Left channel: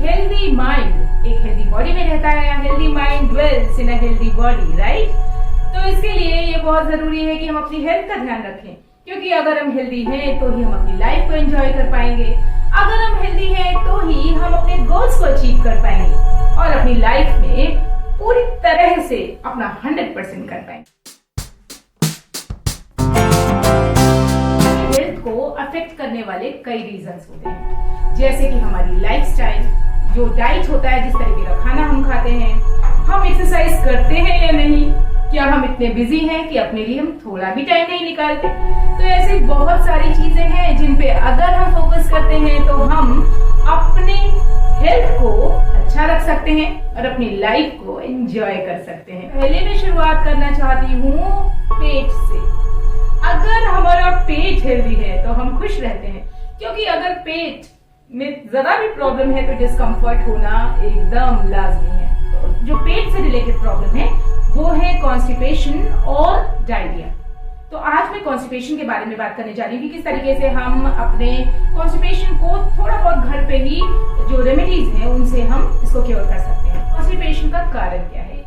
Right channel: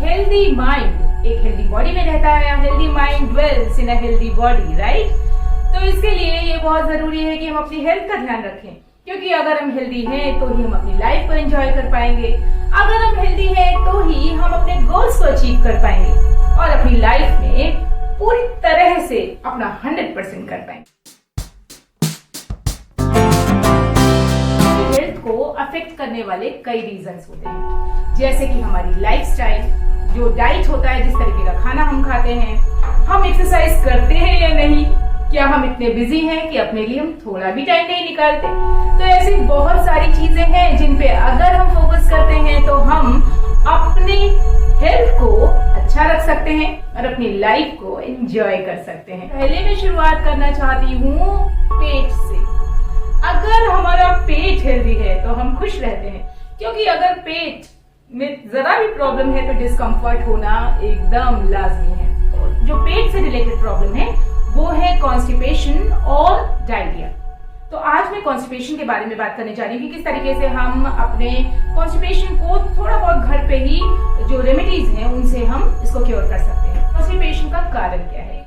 Healthy mind एक healthy body में रहता है, healthy mind dwells in a healthy body, right. तो इसके लिए ये बहुत जरूरी है कि हम अपनी हेल्थ का ध्यान रखें, क्योंकि अगर हम हेल्दी हैं तो ही हम अपनी लाइफ को एंजॉय कर पाएंगे, अगर हम हेल्दी हैं तो ही हम अपने गोल्स को अचीव कर पाएंगे और अपनी लाइफ में पूरी तरह से अपना 100% कर पाएंगे। हेल्थ को अफेक्ट करने वाले कई रीजंस होते हैं, जैसे कि हमारी लाइफस्टाइल, जो डाइट होता है, जिस तरीके का खाना हम खाते हैं, हम एक्सरसाइज करते हैं या नहीं, क्या हम इतने बिजी हैं कि अपने लिए हम थोड़ा भी टाइम नहीं निकालते। तो ऐसी बहुत सारी चीजें हैं जिन पे अगर हम फोकस करते हैं तो हम अपनी हेल्थ को अच्छा रख सकते हैं और अपनी लाइफ को एंजॉय कर सकते हैं। पहले मैं शुरुआत करना चाहती हूँ पेट से। अगर हमारा पेट हेल्दी है तो हम खुश रहते हैं, क्योंकि अगर पेट में जरा भी प्रॉब्लम है तो डिस्कम्फर्ट होना एकदम लाजमी है। तो जो पेट से रिलेटेड प्रॉब्लम है वो है कॉन्स्टिपेशन और डायरिया। तो आज मैं कॉन्स्टिपेशन के बारे में बात करने जा रही हूँ कि किस तरीके से हम अपने कॉन्स्टिपेशन को थोड़ा बहुत घर पे ही जो रेमेडीज हैं उनसे हम इसको क्योर कर सकते हैं। कॉन्स्टिपेशन का कारण क्या है?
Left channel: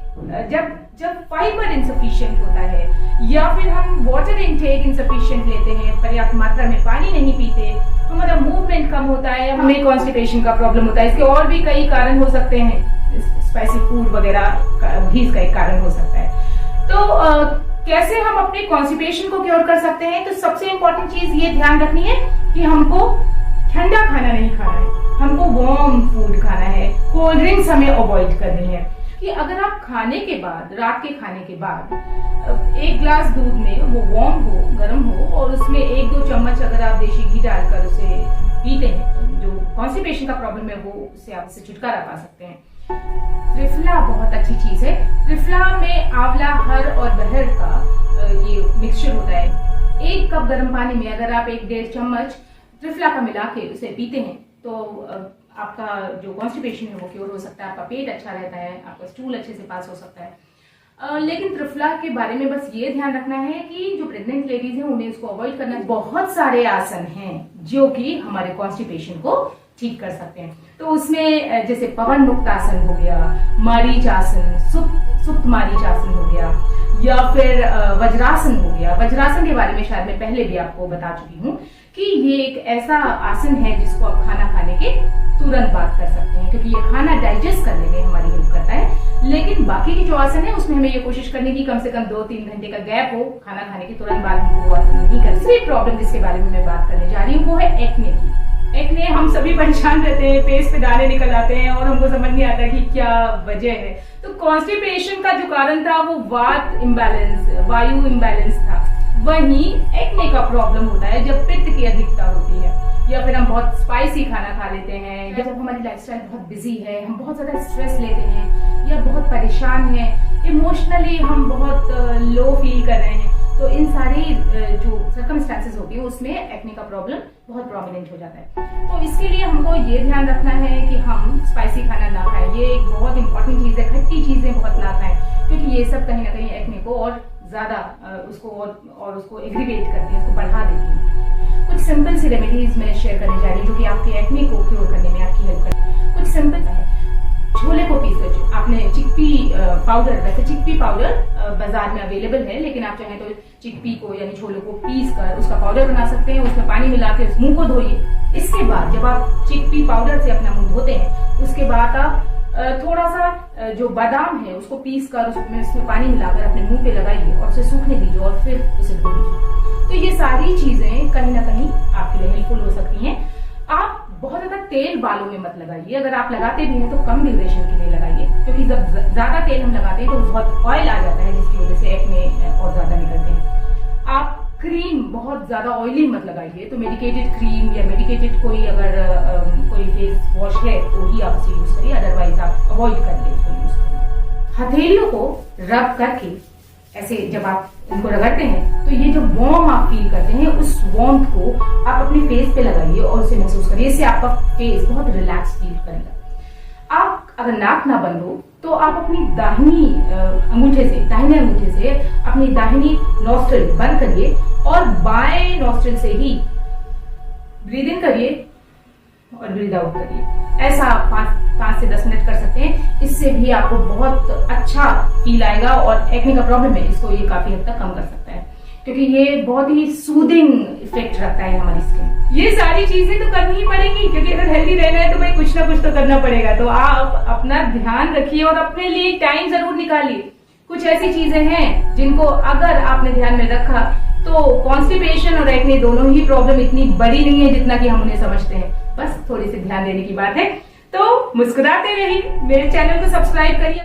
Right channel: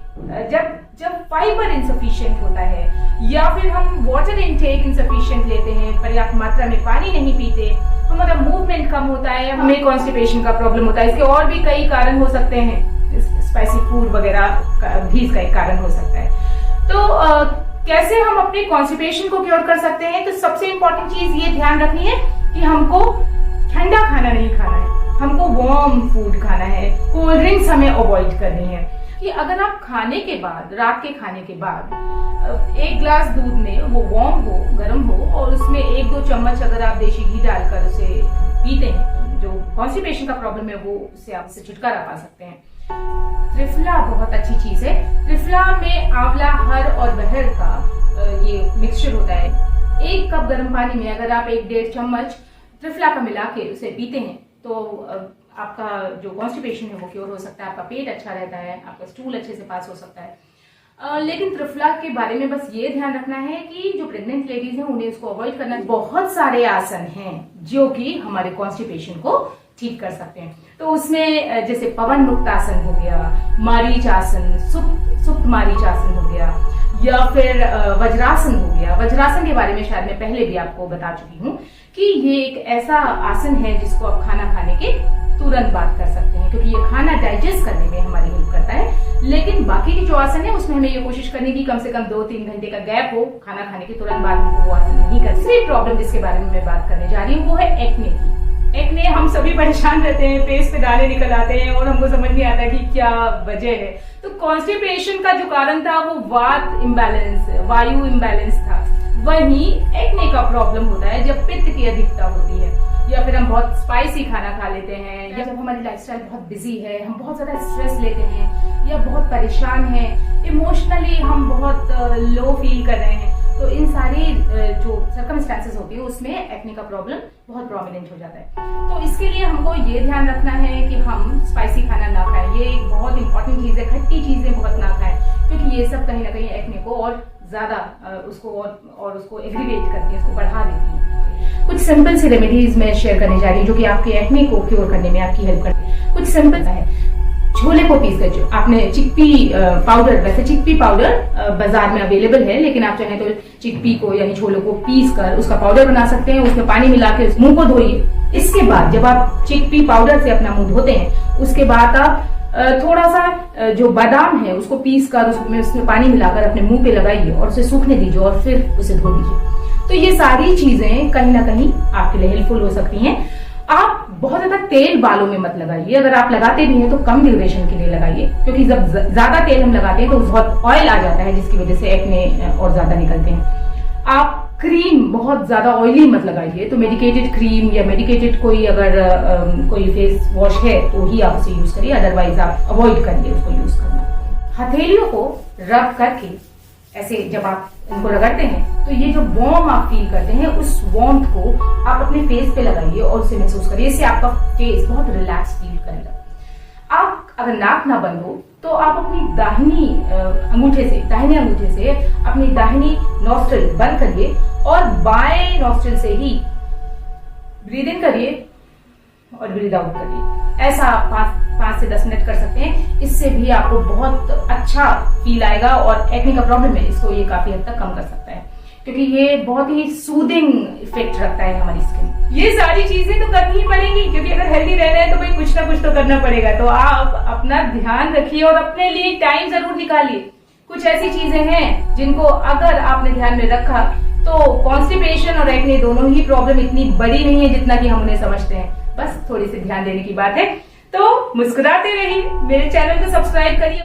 जब फाइबर इंसफिशिएंट होता है या फिर हम वाटर इनटेक इंसफिशिएंट लेते हैं, पर्याप्त मात्रा में पानी नहीं पीते, हमारा मूवमेंट कम होता है, हमें कॉन्स्टिपेशन का प्रॉब्लम होता है। इसके और भी कई कारण हो सकते हैं, स्पाइसी फूड वगैरह भी इसका एक कारण हो सकता है। तो कैसे हम अपने कॉन्स्टिपेशन को क्योर कर सकते हैं? तो सबसे इंपॉर्टेंट चीज ये ध्यान रखनी है कि हमको ठंडा खाना नहीं खाना है, हमको वार्म फूड खाना है, कोल्ड ड्रिंक्स हमें अवॉइड करनी है। कि अगर आप खाने के बाद, रात के खाने के बाद एक ग्लास दूध में वो वार्म हो, गर्म हो, और उसमें 1-2 चम्मच अगर आप देशी घी डालकर उसे पीते हैं, जो कॉन्स्टिपेशन का प्रॉब्लम है वो उससे आप उससे छुटकारा पा सकते हैं। त्रिफला बहुत अच्छी चीज है। त्रिफला में आंवला, हर और बहर का ये मिक्सचर होता है। 1 कप गर्म पानी में अगर आप 1-1.5 चम्मच त्रिफला का मिला के उसे पीते हैं तो आपका जो कॉन्स्टिपेशन है वो क्योर हो सकता है, आपका पेट अच्छा रहता है, आपका स्टूल अच्छे से पास हो सकता है। लेकिन त्रिफला के बारे में बस ये ध्यान रखना है कि जो प्रेग्नेंट लेडीज हैं उन्हें इसको अवॉइड करना है। बहुत सारे आसन हैं जो कि हमारे कॉन्स्टिपेशन को ठीक कर सकते हैं। तो उसमें जैसे पवन मुक्त आसन हो गया, मारीच आसन, सुप्त मारीच आसन हो गया, या फिर वज्रासन हो गया। वज्रासन के बारे में शायद मैं पहले भी आपको बता चुकी हूँ कि ये एक ऐसा आसन है जिसको आप खाना खाने के तुरंत बाद कर सकते हैं, क्योंकि ये खाना डाइजेस्ट करने में हमारी हेल्प करता है। लेकिन बाकी की जो आसन है उसमें हमें ये कोशिश करनी की कम से कम 2-3 घंटे का गैप हो, खाना खाने के तुरंत बाद हमको वो आसन नहीं कर। तीसरी प्रॉब्लम जिसके बारे में मैं बात करने जा रही हूँ वो है एक्ने की। एक्ने, हम सभी परेशान रहते हैं, फेस पे दाने निकल आते हैं और हमको समझ नहीं आता कि क्या वजह है। तो कॉन्स्टिपेशन का जो कारण था वो वात इम्बैलेंस, वायु इम्बैलेंस था। वहीं एक्ने का प्रॉब्लम होता है जब पित्त की अधिकता होती है, या फिर हम बहुत स्पाइसी खाना खा लेते हैं, या जब हमारी लाइफस्टाइल बहुत बिजी है, हम बहुत ज्यादा स्ट्रेस लेते हैं, या बहुत परेशान हैं, इमोशनली हम बहुत लो फील कर रहे हैं। तो इन सारी जो सर्कमस्टेंसेस होती है उसमें एक्ने का प्रॉब्लम बहुत प्रोमिनेंट हो जाता है। तो इसके लिए हमको ये ध्यान रखना है कि हम स्पाइसी खाना ना खाएं। ये एक बहुत इंपॉर्टेंट चीज है। खट्टी चीजें बहुत ना खाएं, क्योंकि ये सब कहीं ना कहीं एक्ने को और ज्यादा उसको एग्रीवेट करती है, उसको बढ़ा देती है। कुछ सिंपल सी रेमेडीज मैं शेयर करने जा रही हूँ जो कि आपके एक्ने को क्योर करने में आपकी हेल्प करती है। कुछ सिंपल है, छोले को पीस कर, आपने चिकपी पाउडर, वैसे चिकपी पाउडर बाजार में अवेलेबल है, लेकिन आप चाहें तो चिकपी को यानी छोले को पीस कर उसका पाउडर बना सकते हैं। उसमें पानी मिला के मुंह को धोइए। इसके बाद जब आप चिकपी पाउडर से अपना मुंह धोते हैं, उसके बाद आप थोड़ा सा जो बादाम है उसको पीस कर उसमें पानी मिलाकर अपने मुंह पे लगाइए और उसे सूखने दीजिए और फिर उसे धो दीजिए। तो ये सारी चीजें कहीं ना कहीं आपके लिए हेल्पफुल हो सकती हैं। आप बहुत ज्यादा तेल बालों में मत लगाइए, अगर आप लगाते भी हैं तो कम ड्यूरेशन के लिए लगाइए, क्योंकि जब ज्यादा तेल हम लगाते हैं तो बहुत ऑयल आ जाता है जिसकी वजह से एक्ने और ज्यादा निकलते हैं। आप क्रीम बहुत ज्यादा ऑयली मत लगाइए, तो मेडिकेटेड क्रीम या मेडिकेटेड कोई अगर कोई फेस वॉश है तो ही आप उसे यूज करिए, अदरवाइज आप अवॉइड करिए उसको यूज करना। हथेलियों को रब करके ऐसे जब आप इनको रगड़ते हैं तो ये जो वार्म आप फील करते हैं उस वार्म को आप अपने फेस पे लगाइए और उसे महसूस करिए। इससे आपका फेस बहुत रिलैक्स फील करेगा। आप अगर नाक ना बंद हो तो आप अपनी दाहिने अंगूठे से अपनी दाहिनी नॉस्ट्रिल बंद करिए और बाएं नॉस्ट्रिल से ही ब्रीद इन करिए और ब्रीद आउट करिए। ऐसा आप 5 से 10 मिनट कर सकते हैं। इससे भी आपको बहुत अच्छा फील आएगा और एक्ने का प्रॉब्लम है इसको ये काफी हद तक कम कर सकता है, क्योंकि ये बहुत ही सूदिंग इफेक्ट रखता है हमारी स्किन। ये सारी चीजें तो करनी ही पड़ेंगी, क्योंकि अगर हेल्दी रहना है तो भाई कुछ ना कुछ तो करना पड़ेगा। तो आप अपना ध्यान रखिए और अपने लिए टाइम जरूर निकालिए। कुछ ऐसी चीजें हैं जिनको अगर आपने ध्यान में रखा तो कॉन्स्टिपेशन और एक्ने दोनों ही प्रॉब्लम इतनी बड़ी नहीं है जितना कि हम उन्हें समझते हैं। बस थोड़ी सी ध्यान देने की बात है। तो मुस्कुराते रहिए, मेरे चैनल को सब्सक्राइब करिए।